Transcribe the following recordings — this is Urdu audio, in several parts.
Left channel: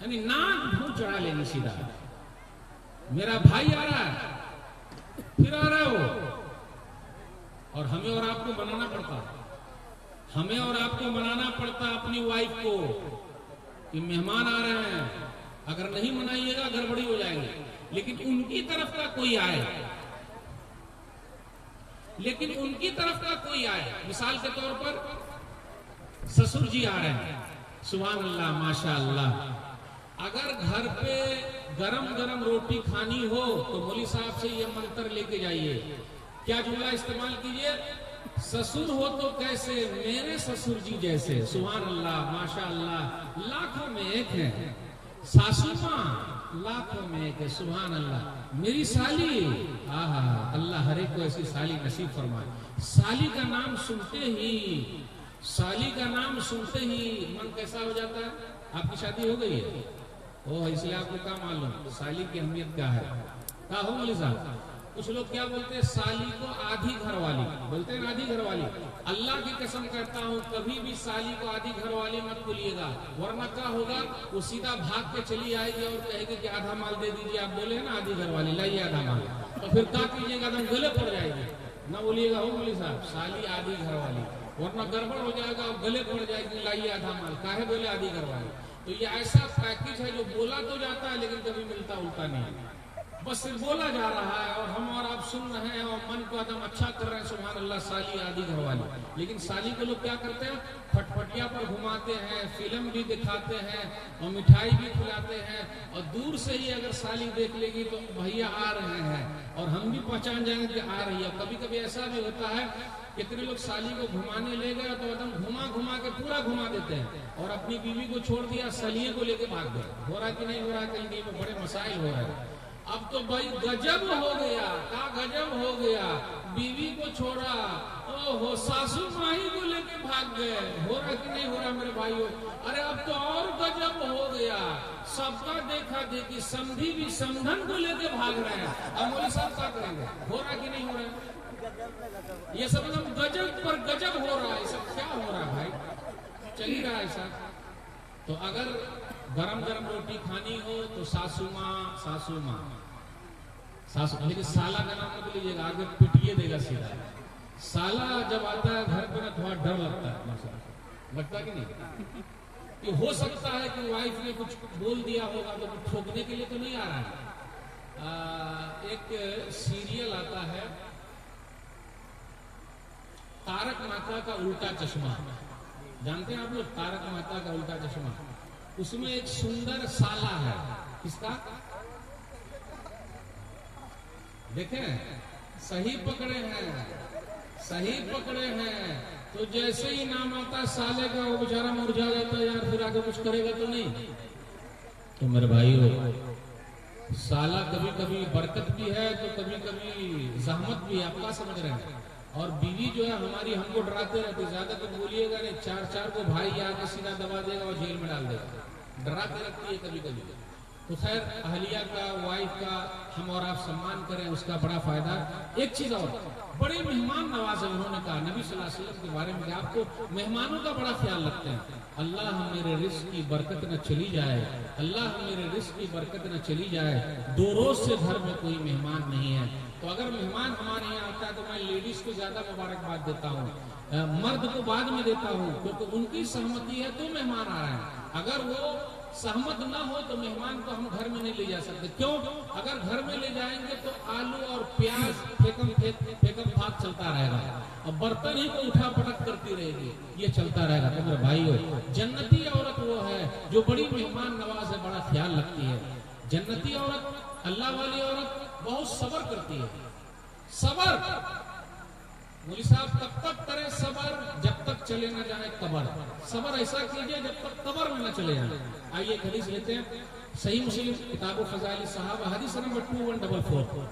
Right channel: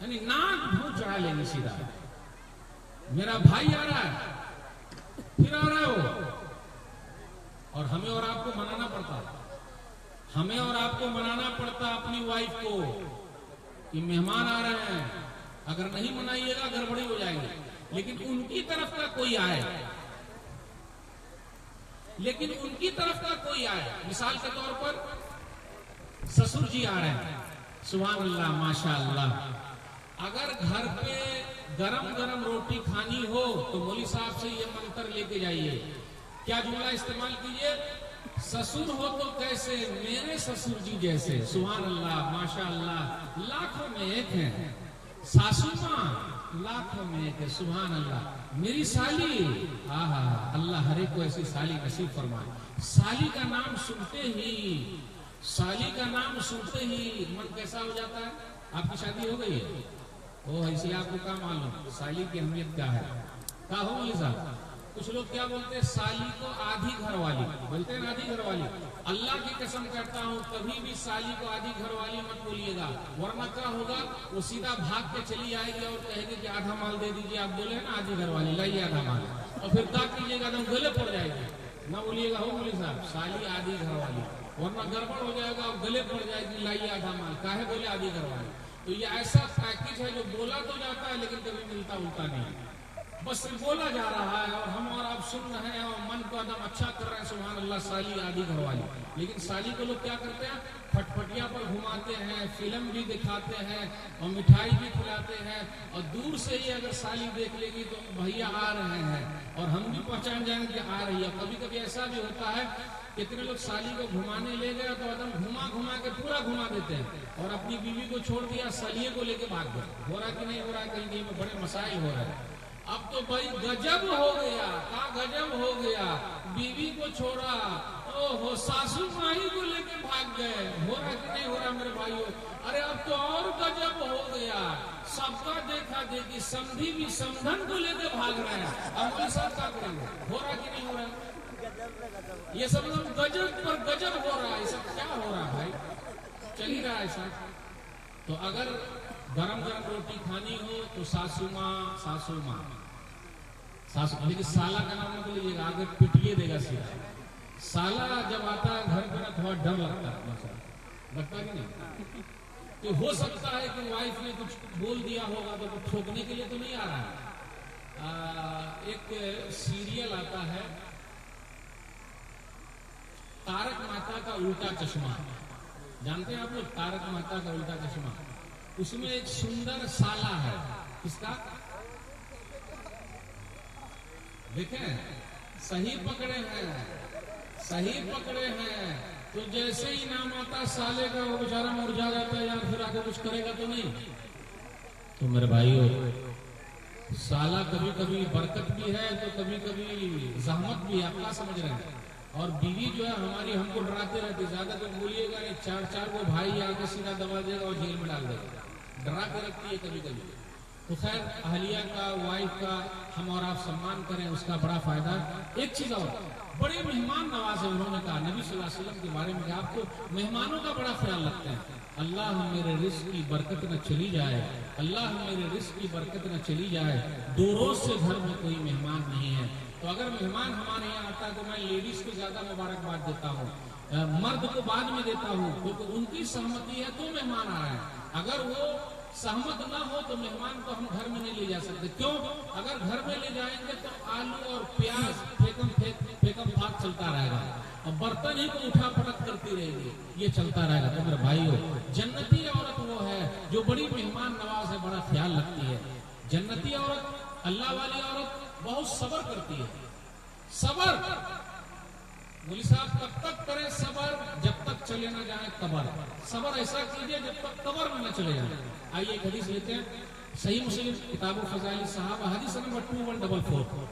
یعنی ناک بھون چڑھا لیں گی سیدھا. میرا بھائی آ رہا ہے، پھر آ رہا ہو، اور ہمیں اور آپ کو منانا پڑتا، ہمیں اور آپ کو منانا پڑتا اپنی وائف کو کہ مہمان آ رہے ہیں، اگر نہیں منائیے گا گڑبڑی ہو جائے گی. لیکن ان کی طرف کا کوئی آئے، لیکن ان کی طرف کا کوئی آئے، مثال کے طور پر سسر جی آ رہے ہیں، سبحان اللہ ماشاء اللہ، اگر گھر پہ گرم گرم روٹی کھانی ہو تو مولوی صاحب سے یہ منتر لے کے جائیے. کیا جملہ استعمال کیجیے؟ سسر ہو تو کیسے میرے سسر جی جیسے. سبحان اللہ ماشاء اللہ، لاکھوں میں ایک ہے. ساسو ماں لاکھوں میں ایک ہے. سبحان اللہ. میری سالی، اللہ ہر ایک کو ایسی سالی نصیب فرمائے. سالی کا نام سنتے ہی، سالی کا نام سنتے ہی من کیسا ہو جاتا ہے. آپ کی شادی ہو گئی ہے، وہ اس لیے آپ کو کیا معلوم سالی کی اہمیت کیا ہے. کہا ہو مولوی صاحب. کچھ لوگ کیا بولتے ہیں، سالی کو آدھی گھر والی بولتے ہیں. آدھی گھر والی، اللہ کی قسم کرتا ہوں کبھی بھی سالی کو آدھی گھر والی مت بولیے گا، ورنہ کیا ہوگا، وہ سیدھا بھاگ کے چلی آئے گی اور کہے گی کہ آدھا مال دے دیجیے. آپ بولے ہیں نا آدھی گھر والی، لائیے آدھا مال، اور پھر کیا کیجیے گا، گلے پڑ جائے گی. نہ بولیے گا ہو مولوی صاحب سالی آدھی گھر والی، ورنہ گڑبڑ ہو جائے گا اور گلے پڑ جائے گی. لائیے آدھا مال، کاہے بولے آدھی گھر والی. تو یہ ایسا پیکج ہے جو بولا تو جاتا ہے لیکن کبھی ملتا الٹا نہیں، بس بولا جا رہا ہے اور ہم اور آپ سن رہے ہیں اور من کو ایک دم اچھا کر رہے ہیں. سبحان اللہ سالی آدھی گھر والی. لیکن سالی کو لوگ کیا کرتے ہیں، پھٹپٹیا پر گھماتے ہیں، فلم بھی دکھاتے ہیں اور مٹھائی بھی کھلاتے ہیں، اور دور سے ہی اگر سالی دیکھ لے گی تو بھیا آ رہے ہیں اور ہم بھی پہچان جائیں گے کہ آ رہی ہے. کبھی کبھی ایسا بھی ہوتا ہے، کتنے لوگ سالی کو گھمانے لے گئے تو ایک دم گھما کے پورا گھما دیتے ہیں اور اپنی بیوی کو چھوڑ دیا، سالیے کو لے کے بھاگ گئے. ہو رہا کہ نہیں ہو رہا؟ کہیں کہیں بڑے مسائل ہو رہے ہیں. اب تو بھائی گجب ہو گیا، کہا گجب ہو گیا، بیوی کو چھوڑا، او ہو ساسو ماہی کو لے کے بھاگ گئے. ہو رہا کہ نہیں ہو رہا میرے بھائیو؟ ارے اب تو اور گجب ہو گیا، سب کا دیکھا دیکھی، سمدھی بھی سمدھن کو لے کے بھاگ رہے ہیں. اب وہ سب کیا کریں گے؟ ہو رہا کہ نہیں ہو رہا؟ یہ سب گجب پر گجب ہو رہا ہے. سب کیا ہو رہا ہے بھائی؟ چل ہی رہا ہے ایسا. تو اگر گرم گرم روٹی کھانی ہو تو ساسو ماں، ساسو ماں، ساسو. لیکن سالہ کا نام نہ بولیے گا، آگے پٹیے دے گا سیدھا. سالہ جب آتا ہے گھر پہ تھوڑا ڈر لگتا ہے، لگتا ہے کہ نہیں؟ تو ہو سکتا ہے کہ وائف نے کچھ بول دیا ہوگا تو ٹھوکنے کے لیے تو نہیں آ رہا ہے. ایک سیریل آتا ہے تارک مہتا کا الٹا چشمہ، جانتے ہیں آپ لوگ تارک مہتا کا الٹا چشمہ؟ اس میں ایک سندر سالہ ہے. کس کا؟ دیکھیں صحیح پکڑے ہیں، صحیح پکڑے ہیں. تو جیسے ہی نام آتا سالے کا وہ بیچارہ مرجھا جاتا ہے، یار پھر آگے کچھ کرے گا تو نہیں. تو میرے بھائیو سالہ کبھی کبھی برکت بھی ہے تو کبھی کبھی زحمت بھی ہے. آپ کیا سمجھ رہے ہیں؟ اور بیوی جو ہے ہماری ہم کو ڈراتے رہتے، زیادہ تر بولیے گا نہیں، چار چار کو بھائی آ کے سیدھا دبا دے گا اور جیل میں ڈال دے گا، ڈراتے رکھتی ہے کبھی کبھی. تو خیر اہلیہ کا، وائف کا ہم اور آپ سمان کریں، اس کا بڑا فائدہ. ایک چیز اور، بڑے مہمان نواز ہے. انہوں نے کہا نبی صلی اللہ علیہ وسلم کے بارے میں کہ آپ کو مہمانوں کا بڑا خیال رکھتے ہیں. اللہ میرے رزق کی برکت نہ چلی جائے، اللہ میرے رزق کی برکت نہ چلی جائے. 2 روز سے گھر میں کوئی مہمان نہیں ہے. تو اگر مہمان ہمارے یہاں آتا ہے تو میں لیڈیز کو زیادہ مبارکباد دیتا ہوں، مرد کو بعد میں دیتا ہوں، کیونکہ ان کی سہمتی ہے تو مہمان آ رہا ہے. اگر وہ سہمت نہ ہو تو مہمان کو ہم گھر میں نہیں لے جا سکتے. کیوں؟ اگر گھر میں لے جائیں گے تو آلو اور پیاز پھیکم بھاگ چلتا رہے گا اور برتن ہی کو اٹھا پٹک کرتی رہے گی، یہ چلتا رہے گا. تو میرے بھائیو جنتی عورت وہ ہے جو بڑی مہمان نواز ہے، بڑا خیال رکھتی ہے. جنتی عورت، اللہ والی عورت بہت صبر کرتی ہے. صبر مولوی صاحب تب تک کرے صبر جب تک چلے نہ جائے قبر. صبر ایسا کیجیے جب تک قبر میں نہ چلے جائے. آئیے حدیث لیتے ہیں، صحیح مسلم کتاب فضائل الصحابہ حدیث نمبر 2144.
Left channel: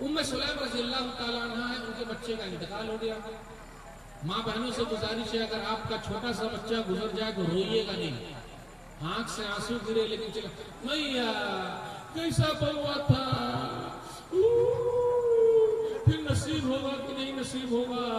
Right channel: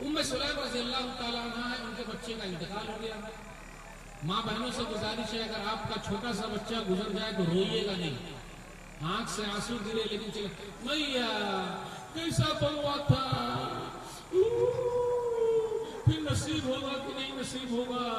ام سلیم رضی اللہ تعالیٰ عنہ ہے، ان کے بچے کا انتقال ہو گیا. ماں بہنوں سے گزارش ہے اگر آپ کا چھوٹا سا بچہ گزر جائے تو روئیے گا نہیں، آنکھ سے آنسو گرے لیکن چلے میاں کیسا بنوا تھا، پھر نصیب ہوگا کہ نہیں نصیب ہوگا،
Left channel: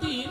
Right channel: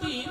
3,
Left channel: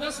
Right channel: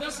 10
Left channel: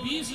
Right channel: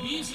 20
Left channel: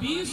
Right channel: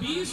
20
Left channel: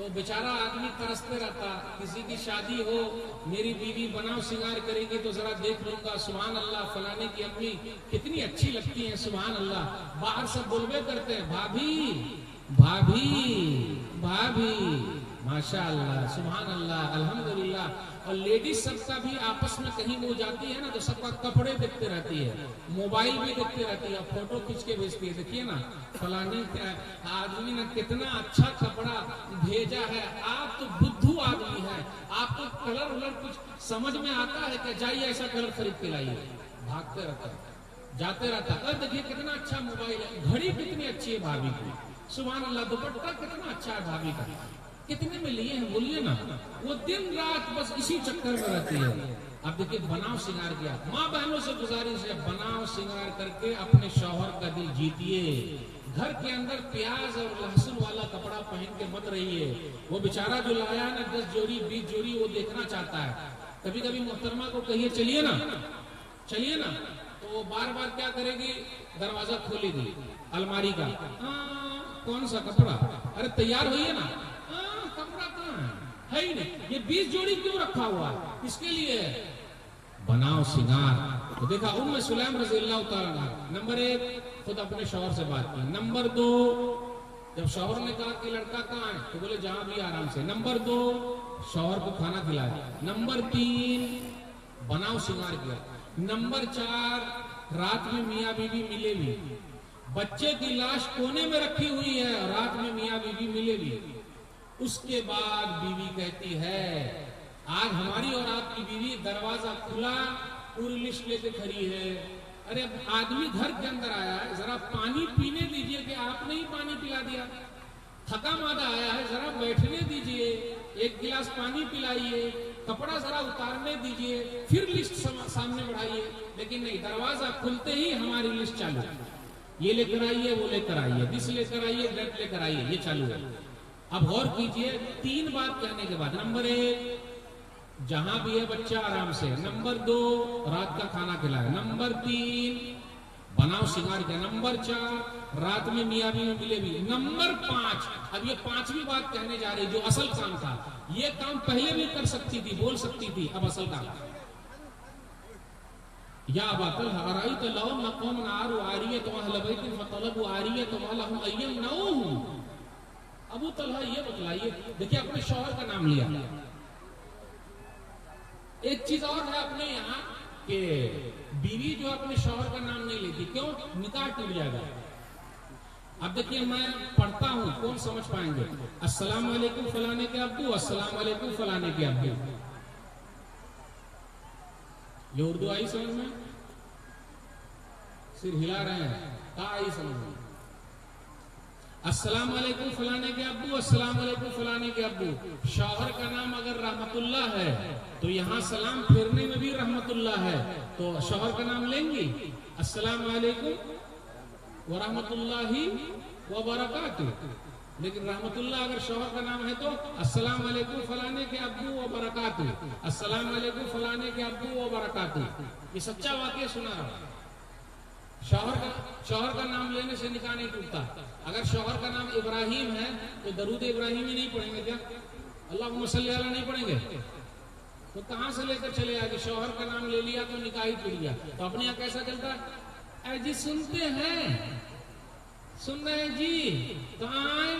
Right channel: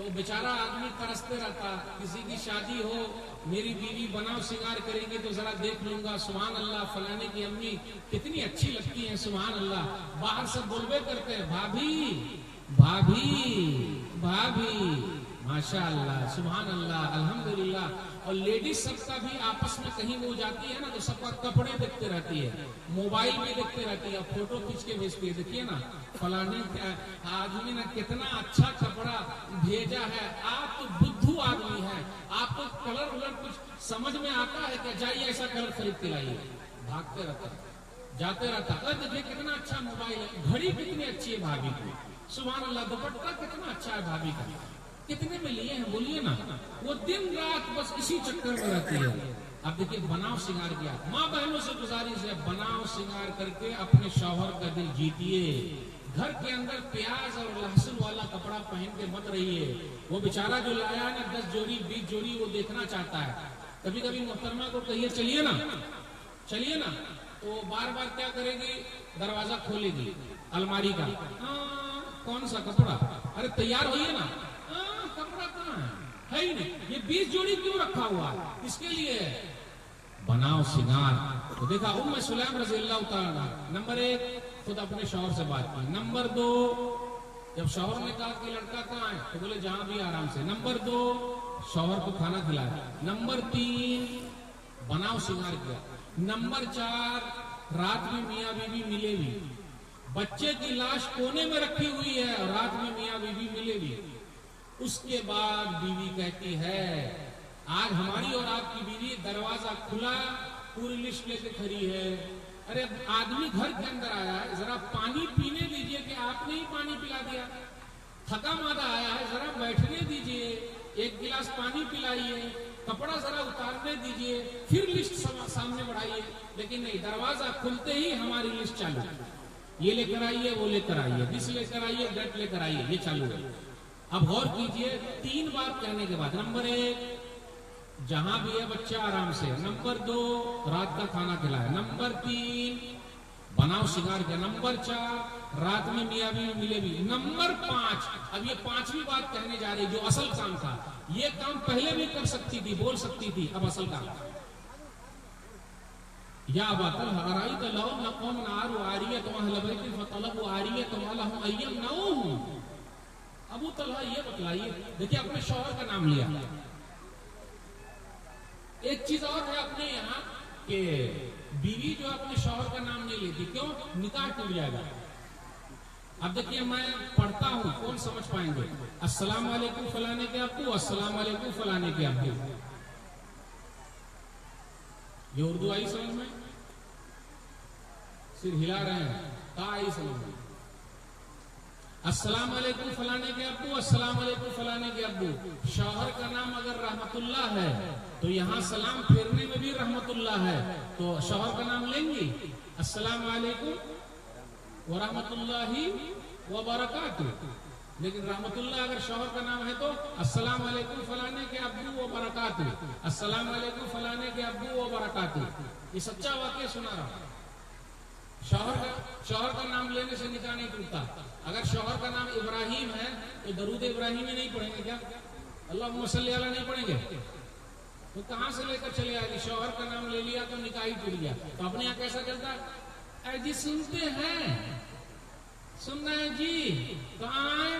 تو بیچارہ آدمی ترستے رہتا، کسی کی شادی ہو، میری بیوی بناؤ سنگار کرے گی تو ذرا دیکھ لوں گا، سبحان اللہ فلانے کی امی کتنی اچھی لگتی ہیں، سبحان اللہ، باہر سے بولوے کرتے ہیں بھابھی بھابھی بھابھی، ماشاء اللہ سبحان اللہ الحمدللہ۔ اور لیڈیز سب کا بھی آپس میں کہیں وہ جاتی ہے نا تو سب کا کپڑے دیکھتے رہتی ہے، موبائل بھی دیکھتے رہتی ہے، فوٹو کھینچ کے بھیجتی ہے، دیکھیے نا فلانے آدمی نے کتنا اچھا کپڑا بھیجا ہے، آپ تو بدھو آدمی ہے، آپ کو کلر ولر کچھ سمجھ میں آتا ہے کہ جائیے ایسا کلر خرید کے لائیے، بھاگتے رہتا جاتے رہتا ہے، دیکھیے کتنا اچھا موبائل ہے، گھڑی کتنی اچھی ہے بھابھی کی، سبحان اللہ، دوپٹہ کتنا اچھا ہے بھابھی کا، کتنے میں لیے ہیں بولیے نا، وہ دن رات بس اسی چکر میں رہتی ہے۔ اب دیکھیے بناؤ سنگار کیا، ماں بہنوں سے گزارش ہے بناؤ سنگار کر کے اپنے شوہر کا دل جیتیے، گھر کے اندر پیاز اور لہسن والا کپڑا پہن کے مت رہیے، وہ بیچارہ جو لایا ہے نا 10 جوڑی 20 جوڑی وہ دیکھنا چاہتا ہے، کبھی کبھی محترمہ کو کہیے چلیے نا تو بار بار کیا کرے گی، دروازہ کھولے گی الماری کا، کون سا کپڑا، ارے تیار ہوئیے نا، کپڑا کہاں ہے ہی نہیں، یہ 20 جوڑی کیوں رکھا ہوا، اس کے لیے بناؤ سنگار۔ تو دیکھا ام سلیم رضی اللہ تعالیٰ، نمبر 1 خود اپنے شوہر سے بات کی، نمبر 2 جب شوہر نے کہا کہ لڑکا کہاں ہے تو بولے جان بھی آرام سے، نمبر 2 شوہر کو کھانا کھلایا، نمبر 3 بناؤ سنگار کیا، نمبر 4 رات میں میاں بیوی ملے بھی، بچے کی لاش کونے میں رکھی ہوئی ہے، رات میں میاں بیوی ملے بھی، اس کے بعد بیوی کہتی ہے آج ہماری اور آپ کی بیوی دروازہ کھلا پوری لسٹ لے کے کھڑی ہے، ارے آدمی گھر کے اندر آیا ہے ذرا پانی پینے دیجئے کہ آپ نے ہی پانی پلا دیا، تھکا مادہ آیا ہے ذرا بیٹھنے دیجئے، ایک گلاس پانی پلائیے، کپڑا ذرا اتارنے دیجئے، پھر لسٹ سامنے بڑھائیے، لیکن نہیں، دروازہ کھلتے ہی ہماری لسٹ چالو ہے، یہ لے کر آئیے وہ لے کر آئیے، بس لے کر آئیے گٹ لے کر آئیے، یہ چالو ہے۔ اب غور کیجئے 3 بات کہنے کے بعد، نمبر 1 جہاں بھی ہے بچہ آرام سے، نمبر 2 رات کا کھانا کھلایا، نمبر 3 بناؤ سنگار کیا، نمبر 4 رات میں میاں بیوی ملے بھی، نمبر 5 اب یہ 5ویں بات کہنے جا رہی جو اصل کام تھا، یہ کام پہلے بھی کر سکتی تھی بول سکتی تھی، اب اصل کام یا ابا الحوارائیت لهم قوم عاروا عاریۃ اہل بیت فطلبوا عاریۃ ولهم ان يمنعوهم، ابو طلحہ یہ بتلائیے، دیکھیے اپنے شوہر کا نام لیا، ایک چیز اور ہے اپنے یہاں کہ بیوی جو اپنے شوہر کا نام نہیں لیتی، کیوں؟ نکاح ٹوٹ جائے گا۔ اب دیکھیے میں پڑھتا ہوں، کون سمجھ پائیں گے، السلام علیکم فلانے کے ابو، السلام علیکم فلانے کے ابو، یہ اردو آئی سمجھ میں؟ صرف ہلا رہے ہیں، آئی سمجھ میں؟ السلام علیکم فلانے کے ابو، السلام علیکم فلانے کے ابو، شوہر کا نام اگر رحمت اللہ ہے تو یہاں سلام پھیرنے میں بھی رحمت اللہ ہے، تو شوہر کا نام لیں گی، السلام علیکم ورحمت اللہ وبرکاتہ، لیکن رحمت اللہ اگر شوہر کا نام ہے تو السلام علیکم فلانے کے ابو وبرکاتہ، السلام علیکم فلانے کے ابو وبرکاتہ، یہ سچا واقعہ سنا ہے۔ شوہر کا نام لینے سے نکاح نہیں ٹوٹتا، اگر شوہر کا نام ابراہیم ہے تو درود ابراہیمی نہیں پڑھیں گے کیا؟ اللہم صلی علی نہیں پڑھیں گے؟ تو کہاں سے لے کر چلے آئے؟ شوہر کا نام لے لیا تو نکاح ہی ٹوٹ گیا، تو اپنے یہاں کیسا چلتا ہے؟ اے جی سنتے ہیں، سن رہے ہیں جی، تو آئیں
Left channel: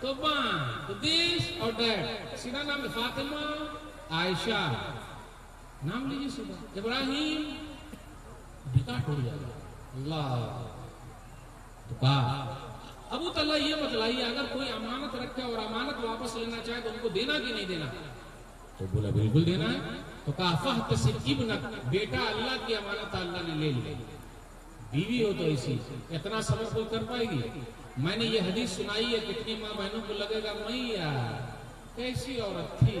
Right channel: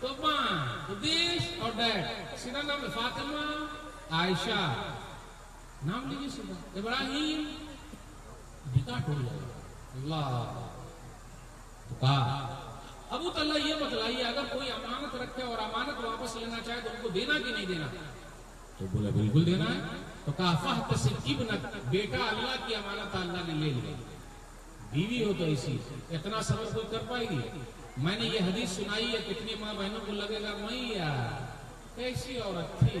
تو بائیں تو دس اور دیٹ، سیدھا نام فاطمہ عائشہ، نام لیجیے سیدھا ابراہیم، نکاح ٹوٹ جائے گا۔ اللہ ابو طلحہ یہ بتلائیے اگر کوئی امانت رکھے اور امانت واپس لینا چاہے تو ان کو دینا کہ نہیں دینا؟ تو بولا بالکل دینا ہے، تو کہا فاحتسب ابنک، بیٹا اللہ کی امانت اللہ نے لے لی، بیوی ہو تو اسی اتنا صبر کوئی کر پائے گی؟ میں نے یہ حدیث سنائی ہے، کتنی ماں بہنوں کو لگے گا نہیں یار کیسی عورت تھی،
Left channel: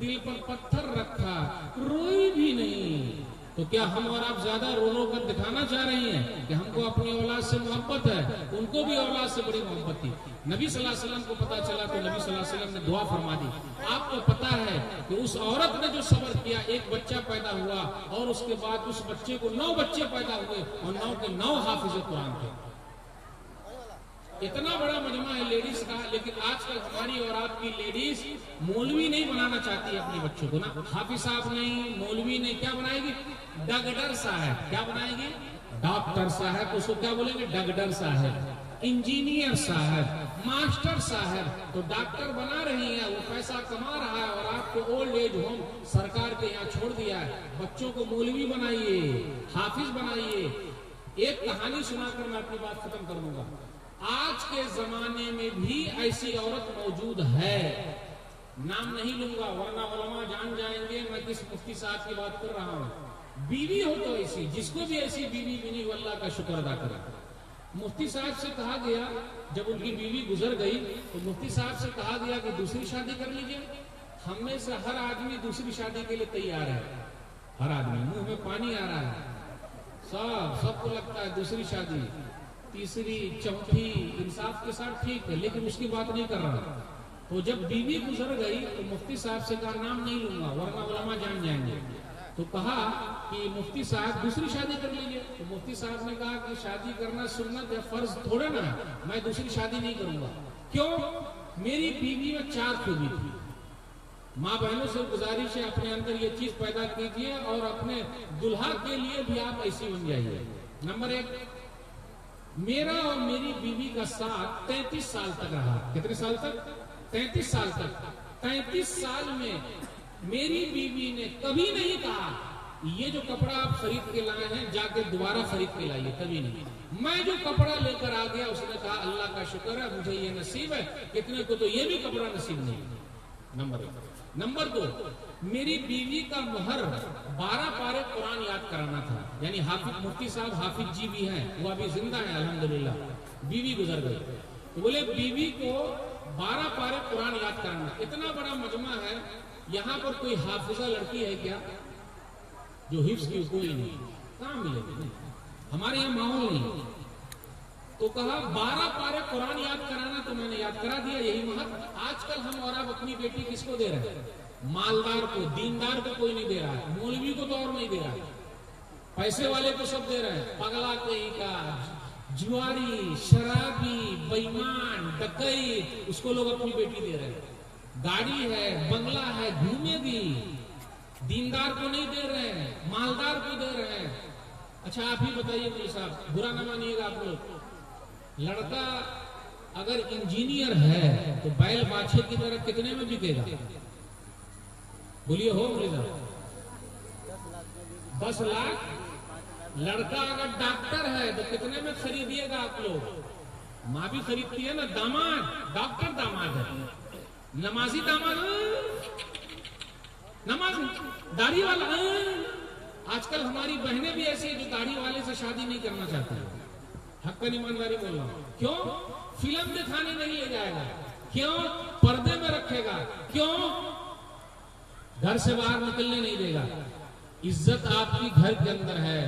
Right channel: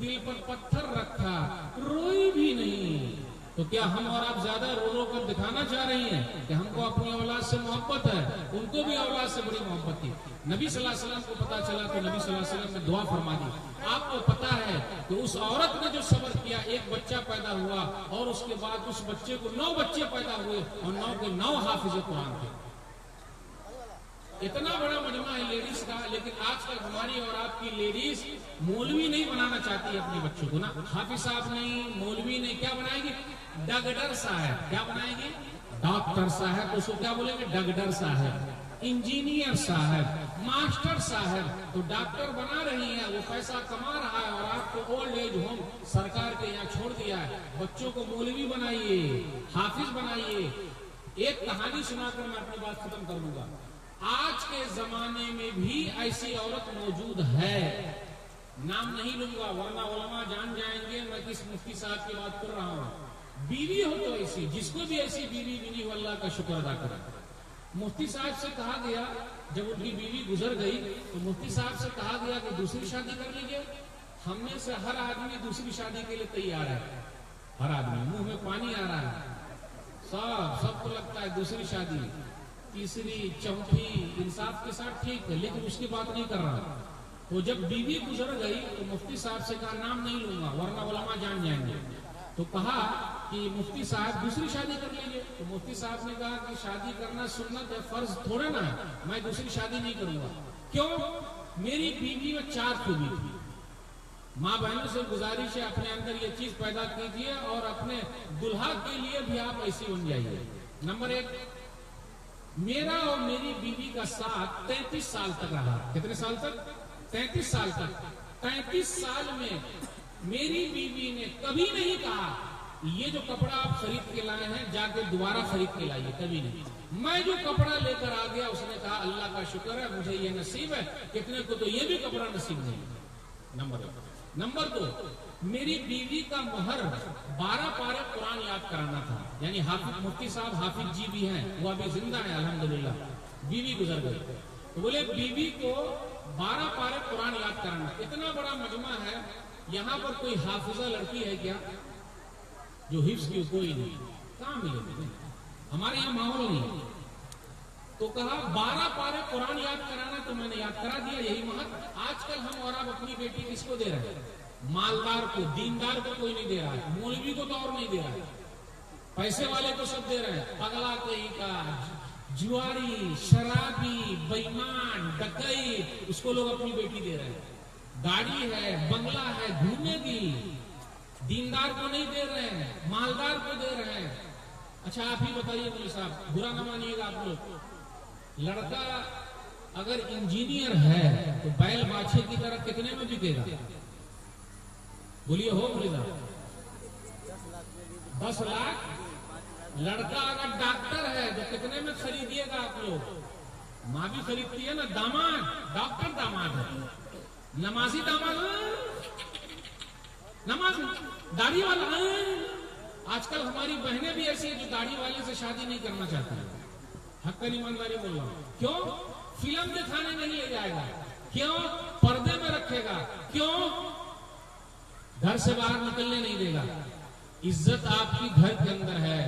دل پر پتھر رکھا، روئی بھی نہیں، تو کیا ہم اور آپ زیادہ رو رو کر دکھانا چاہ رہی ہیں کہ ہم کو اپنی اولاد سے محبت ہے؟ ان کو بھی اولاد سے بڑی محبت تھی، نبی صلی اللہ علیہ وسلم کو پتا چلا تو نبی صلی اللہ علیہ وسلم نے دعا فرما دی۔ آپ کو پتا ہے کہ اس عورت نے جو صبر کیا، ایک بچہ پیدا ہوا اور اس کے بعد اس بچے کو 9 بچے پیدا ہوئے اور 9 کے 9 حافظ قرآن تھے، اتنا بڑا مجمع ہے لیڈیز کا، لیکن آج کل ہماری اور آپ کی لیڈیز مولوی نہیں بنانا چاہتی اپنے بچوں کو نا، حافظ صاحب نہیں، مولوی نہیں، کیا بنائے گی؟ ڈاکٹر صاحب. کیا بنائے گی؟ ڈاکٹر صاحب. اس کو کیا بولیں گے؟ ڈاکٹر صاحب. انجینئر صاحب، ماسٹر صاحب. تو ڈاکٹر بنا رہی ہیں، وہ پیسہ کما رہا ہے، اور آپ کو اولڈ ایج ہوم سرکار کے یہاں چھوڑ دیا ہے. بچوں کو مولوی بنائیے، حافظ بنائیے. ایک کہانی سنا کر میں اپنی بات ختم کروں گا. آج کے زمانے میں بھی ایسی عورت موجود ہے، نام نہیں لوں گا ورنہ علماء جان جائیں گے میں کس مفتی صاحب کی بات کر رہا ہوں. بیوی ہو تو ایسی، جس کو بھی ایسی بیوی ملی وہ اللہ کا شکر ادا کرے. مفتی صاحب سے کہا گیا، جب ان کی بیوی گزر گئی تو مفتی صاحب سے کہا گیا کہ دوسری شادی کر لیجیے. ہم میں سے ہر آدمی دوسری شادی کے لیے تیار ہے، ہر آدمی، منہ میں پانی آ رہا ہے. سب کو لگتا ہے دوسری شادی، تیسری، چوتھی، انصاف کے ساتھ ٹھیک ہے، لیکن اس کی بات نہیں کر رہا. تو جب بیوی گزر گئی تو مفتی صاحب سے کہا نام نہیں لوں گا ورنہ علماء جان جائیں گے. تو کہا کہ مفتی صاحب دوسری شادی کر لیجیے. تو مفتی صاحب نے کہا کہ شادی کرنا سنت یا فرض تھوڑے نا ہے، میں دوسری شادی نہیں کروں گا. کیوں؟ میری بیوی میں 4 خوبی تھی. ماں بہنوں سے گزارش ہے اپنے اندر یہ چیز پیدا کیجیے اور اپنے دلہا کے لیے بھی آپ ایسی بن جائیے. نمبر 1، میرا اور میری بیوی کا ساتھ 33 سال تک رہا. کتنے سال تک؟ 33 سال تک. 35 سال میں میری بیوی نے کبھی نہیں کہا یہ جو کپڑا آپ خرید کے لائے ہیں جا کے دوبارہ خرید کے لائیے، کبھی نہیں. میں جو کپڑا لے کر آ گیا اس نے کہا اللہ کا شکر ہے مجھے یہ نصیب ہے، کتنے کو تو یہ بھی کپڑا نصیب نہیں. نمبر 1. نمبر 2، میری بیوی کا مہر 12 پارے قرآن یاد کرانا تھا. یعنی حافظ مفتی صاحب حافظ جی بھی ہیں، وہ ابھی زندہ ہیں الحمدللہ، بیوی گزر گئی. بولے بیوی کو 12 پارے قرآن یاد کرانا. اتنا بڑا مجمع ہے، یہاں پر کوئی حافظہ لڑکی ہے کیا جو حفظ کی؟ کوئی نہیں. کہاں ملے گی؟ ہمارے یہاں ماحول نہیں. تو کہا 12 پارے قرآن یاد کرانا، تو میں نے یاد کرا دیا. یہی مہر. آج کل ہم اور آپ اپنی بیٹی کس کو دے رہے ہیں؟ مالدار کو، دیندار کو کوئی نہیں دے رہا ہے، مولوی کو تو اور نہیں دے رہا ہے، پیسے والے کو سب دے رہے ہیں. پگلا کوئی کا، جواری، شرابی، بےمان، ڈکیت، اس کو لوگ اپنی بیٹی دے رہے ہیں. گاڑی ہے، بنگلہ ہے، گھومے گی. دیندار کو نہیں دے رہے ہیں، مالدار کو دے رہے ہیں. اچھا آپ ہی بتائیے مولوی صاحب، برا نہ مانیے گا آپ لوگ، لڑکا اگر انجینئر ہے تو بیل باچھے کی طرح کتنے میں بکے گا؟ بولیے ہو مولوی صاحب؟ 10 لاکھ. لڑکا اگر ڈاکٹر ہے تو کتنے میں خریدیے گا آپ لوگ؟ ماں بھی خریدتی ہے نا. داماد، ڈاکٹر داماد ہے، نمازی داماد، نماز داڑھی والا. آج کل ہماری بہنیں بھی ایسی ہیں جو داڑھی والے سے شادی نہیں کرنا چاہتی. حق پر ایمانداری بول رہا ہوں. کیوں؟ فلم دکھانے نہیں لے جائے گا. کیوں؟ پردے میں رکھے گا. کیوں؟ گھر سے باہر نکلنے نہیں دے گا. عزت آپ کی گھر کے اندر ہے،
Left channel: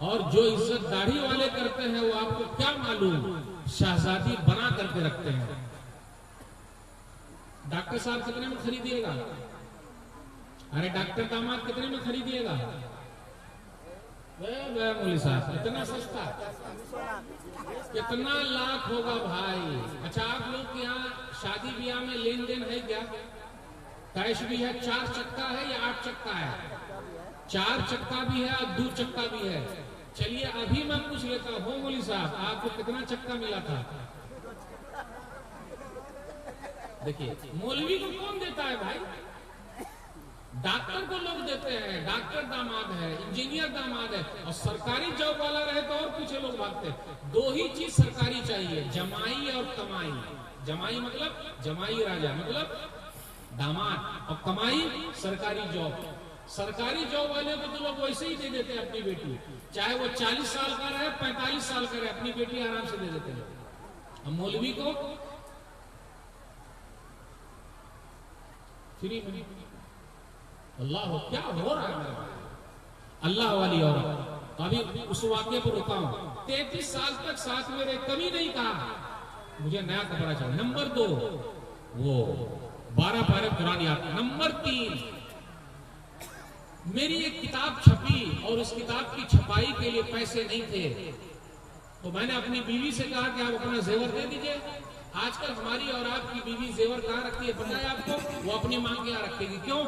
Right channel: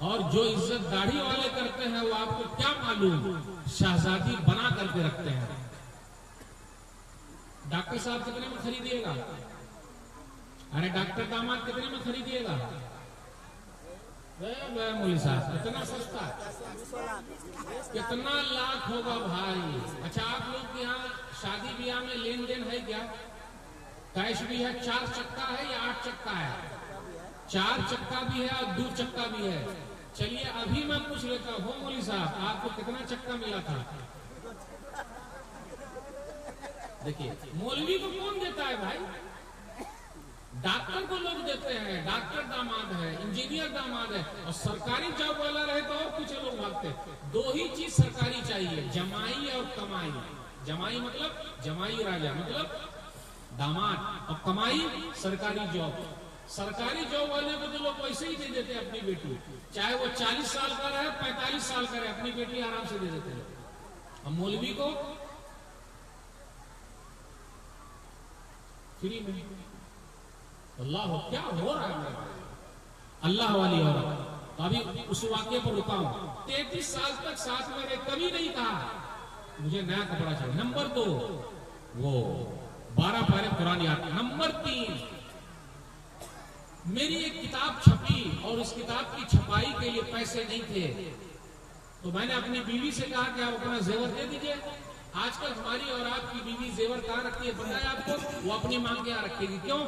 اور جو عزت داڑھی والے کرتے ہیں وہ آپ کو کیا معلوم شہزادی بنا کر کے رکھتے ہیں. ڈاکٹر صاحب کتنے میں خریدیے گا؟ ارے ڈاکٹر داماد کتنے میں خریدیے گا؟ مولوی صاحب اتنا سستا، کتنا لاکھ ہوگا بھائی؟ اچھا آپ لوگ کے یہاں شادی بیاہ میں لین دین ہے کیا؟ کیش بھی ہے؟ 4 چکا ہے یا 8 چکا ہے؟ 4 چکا بھی ہے اور 2 چکا بھی ہے. چلیے ابھی میں پوچھ لیتا ہوں مولوی صاحب آپ کو کتنا چکا ملا تھا؟ دیکھیے مولوی کو کون دیتا ہے بھائی؟ ڈاکٹر کو لوگ دیتے ہیں، ڈاکٹر داماد ہے، انجینئر داماد ہے. اور سرکاری جاب والا رہے تو اور پیچھے لوگ بھاگتے. 2 ہی چیز سرکاری چاہیے، جمائی اور کمائی. جمائی مطلب جمائی راجا مطلب داماد، اور کمائی سرکاری جاب. سرکاری جاب والے کو تو لوگ ویسے ہی دے دیتے ہیں اپنی بیٹی، چاہے وہ 40 سال کا رہے 45 سال کا رہے، اپنی بیٹی آرام سے دے دیتے ہیں. اور مولوی کو فری میں. اللہ کیا ہو رہا ہے اللہ والی عورت. ابھی اس واقعے پر رکا ہوں. 33 سال تک ساتھ میں رہے، کبھی نہیں کہا مجھے نیا کپڑا چاہیے. نمبر 2 وہ 12 پارے قرآن یاد. نمبر 3 میری ایک کتاب چھپی اور اس کتاب کی چھپائی کے لیے پیسے نہیں تھے. تو میں نے اپنی بیوی سے کہا کہ آپ اپنا زیور دے دیجیے. آج کل ہماری اور آپ کی بیوی زیور کہاں رکھتی ہے پتہ ہے آپ کو؟ وہ اپنی ماں کے یہاں رکھے گی. کیوں؟